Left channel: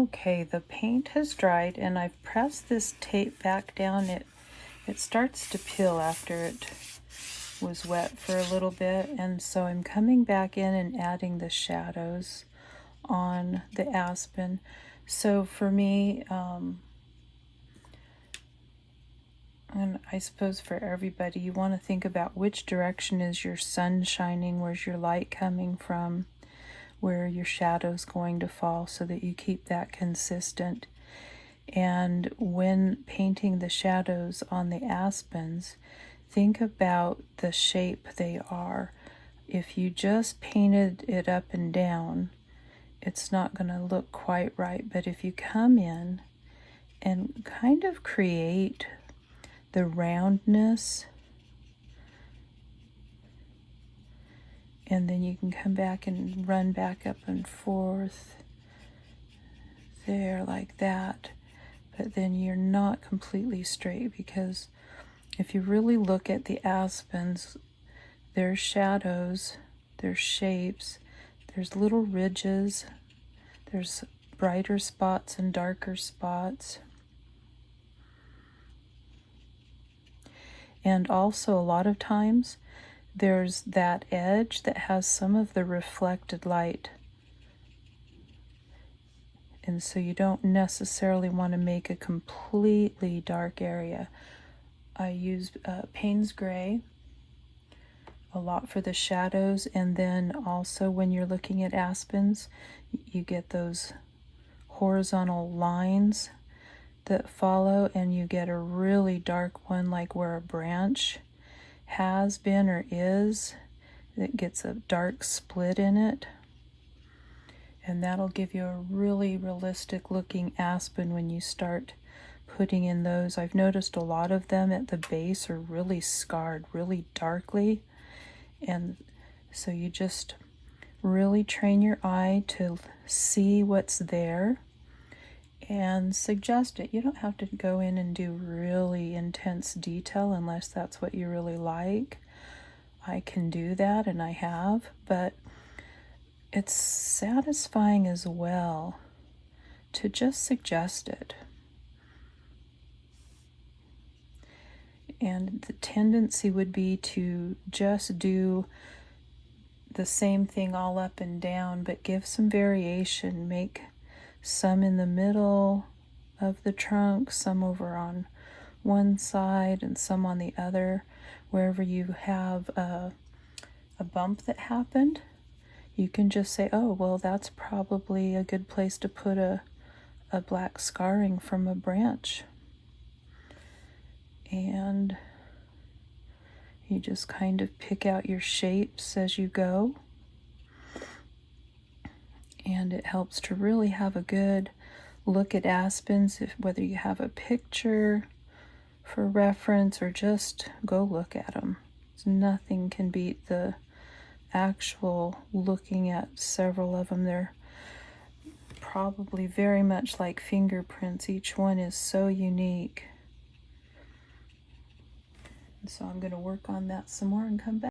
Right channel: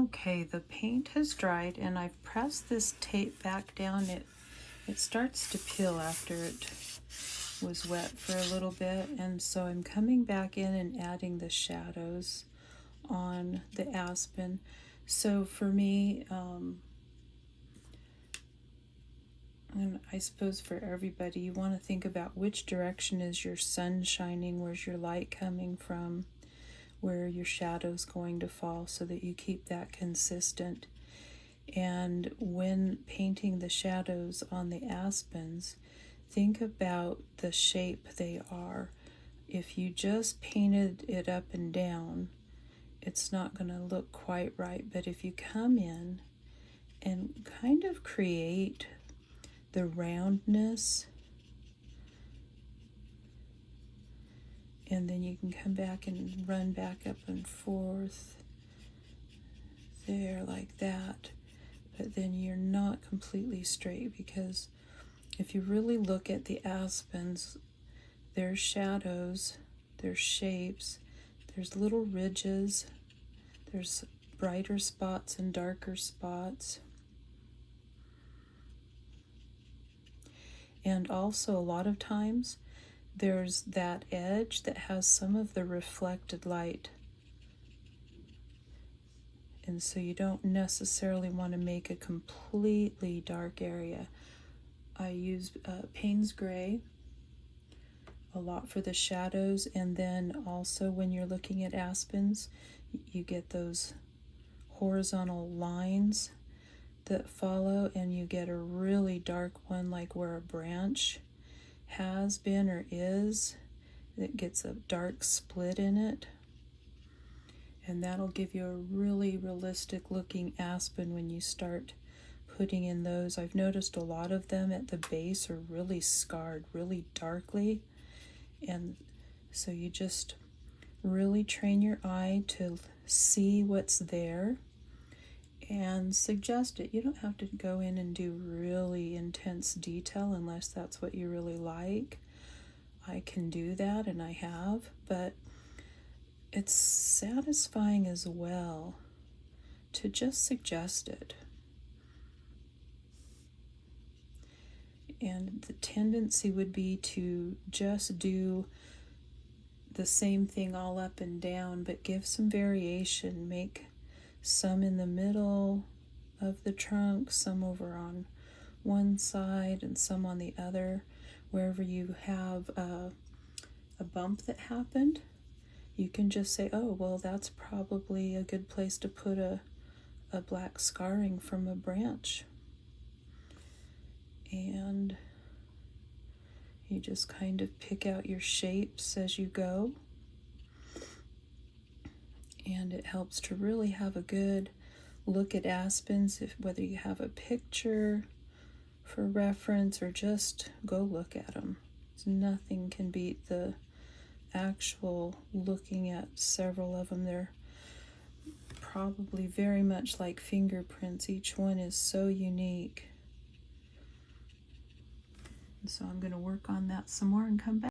Okay, the paint has dried and I've pressed this tape back down. It starts to peel after it was wet for a little bit, and so I'm coming back in and adding the shadows on the aspen. So for me, and I suppose for everybody, you want to think about which direction is your sun shining, where's your light coming from, where your shadow's going to fall, so that you keep that consistent. And when painting the shadows on the aspens, think about the shape they are. If you just painted it up and down, it's not going to look quite right. But if you come in and kind of create the roundness, and then you can come back and run back up and forth there like that. But then you're not completely straight, because if you really look at the aspens, there's shadows, there's shapes, there's little ridges, there's brighter spots and darker spots. And also a lot of times there's that edge that has some of the reflected light. And so you don't necessarily want to make a completely dark area. I use Payne's Gray a lot for the shadows, and then also when you're looking at aspens, you get those horizontal lines that follow, and you get a really dark one, like where a branch has been or is. It gets a dark split in it. And that'll give you a really realistic looking aspen when you start putting in those. I've noticed a lot of them at the base are really scarred, really darkly. And so you just really train your eye to see what's there and suggest it. You don't have to go in and do really intense detail unless that's what you really like. I can do that, and I have, but it's satisfying as well to just suggest it. And the tendency would be to just do the same thing all up and down, but give some variation. Make some in the middle of the trunk, some over on one side and some on the other. Wherever you have a bump that happened, you can just say, oh, well, that's probably a good place to put a black scarring from a branch. And you just kind of pick out your shapes as you go. And it helps to really have a good look at aspens, whether you have a picture for reference or just go look at them. Nothing can beat the actual looking at several of them. They're probably very much like fingerprints. Each one is so unique. And so I'm going to work on that some more and come back.